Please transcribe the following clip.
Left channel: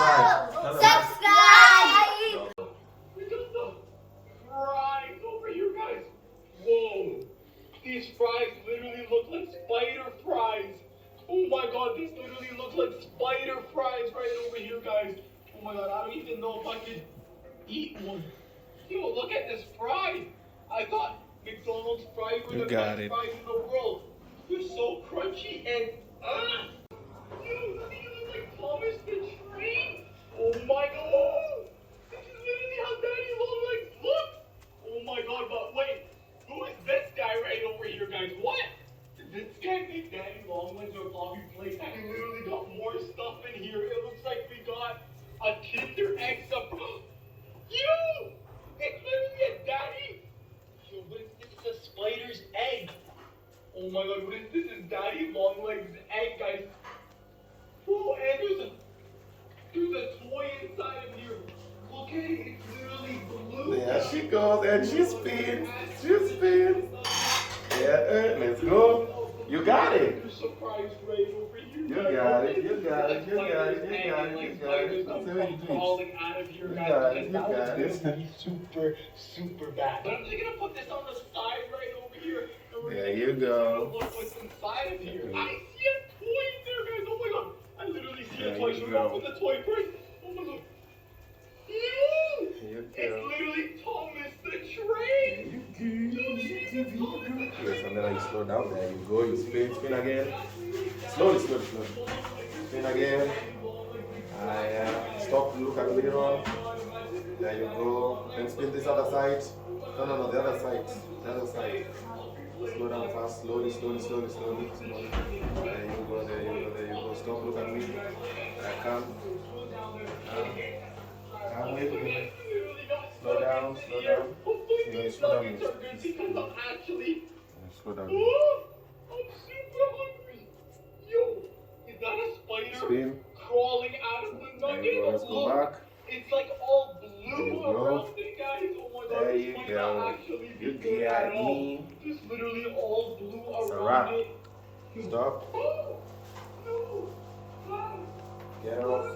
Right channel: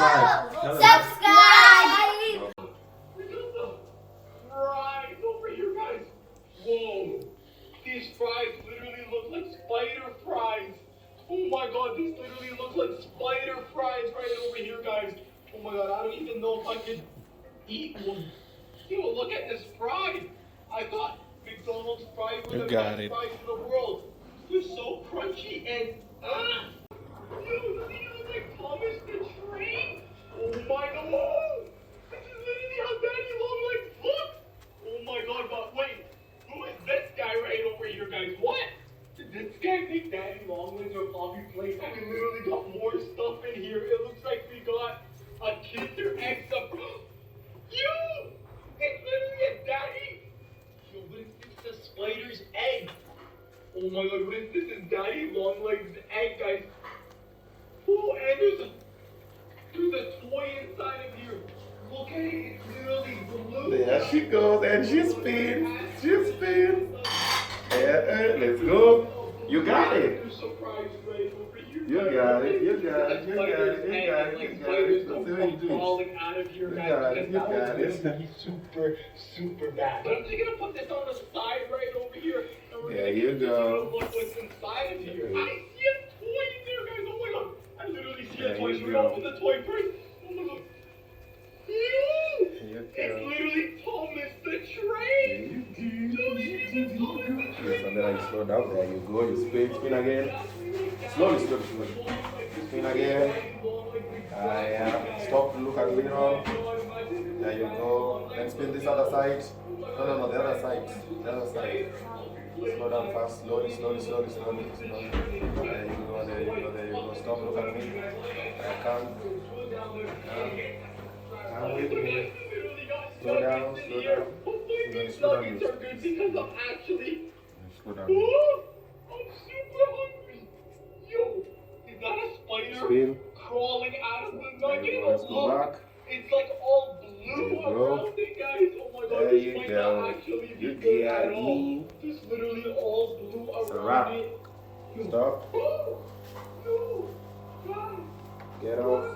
subscribe. Subscribe. Fries over here, guys. Whoa. These fries literally look like spider fries. Oh my god, these literally look like spider fries right over here, guys. Oh my god, I don't even know if I can eat one. Yo, look at this fry. I thought McDonald's fries were the best fries in the world. They're so crunchy and yo, doesn't he look like Thomas the Train? Oh my god. Whoa. This is literally how Daddy Long Legs looks. Oh my god, but wait. Who is this guy right over here, guys? What? Did this guy think Daddy Long Legs or Bobby Flay? Daddy literally got more stuff in here. It looks like we got a Kinder Egg surprise. Yo! It's literally a daddy! Yo, what is this? It's a spider's egg. Oh my god, what is this? It's Daddy Long Legs' egg, guys. Oh, and there's a toy inside of here. Look at it, it's literally blue. There she goes, and she spins. She spins. Let's go. You got it. You got it. You got it. You got it. You got it. You got it. That's the way you do it. You got it. You got it. Super, super bad. But I'm just gonna put this on the side right over here. There you go. Look what's inside of here. I see a toy in there, guys. Oh my god. I literally see a toy. Should we open the toy first? Oh my god. It's literally Thomas the Train. Yes, and then I slow down. There you go. You spin again. Slowly. Spin again. Stop. Look at me on. There you go. And spin this other side. No, the other side. The other side. Slow down fast. Slowly. There you go. Stop. Look at me. I can't. Come with me. Slow down. Slow down. Slow down. I'm super hungry. Yo, is that a spider Spin. crawling out of the nugget? Let's go back. It's like all blue There you go. around it, guys. Oh my god, There this you might go. not actually be You good got at all. me. Just literally all blue It's a around wrap. it. Stop. Oh, no. Ah. Get off.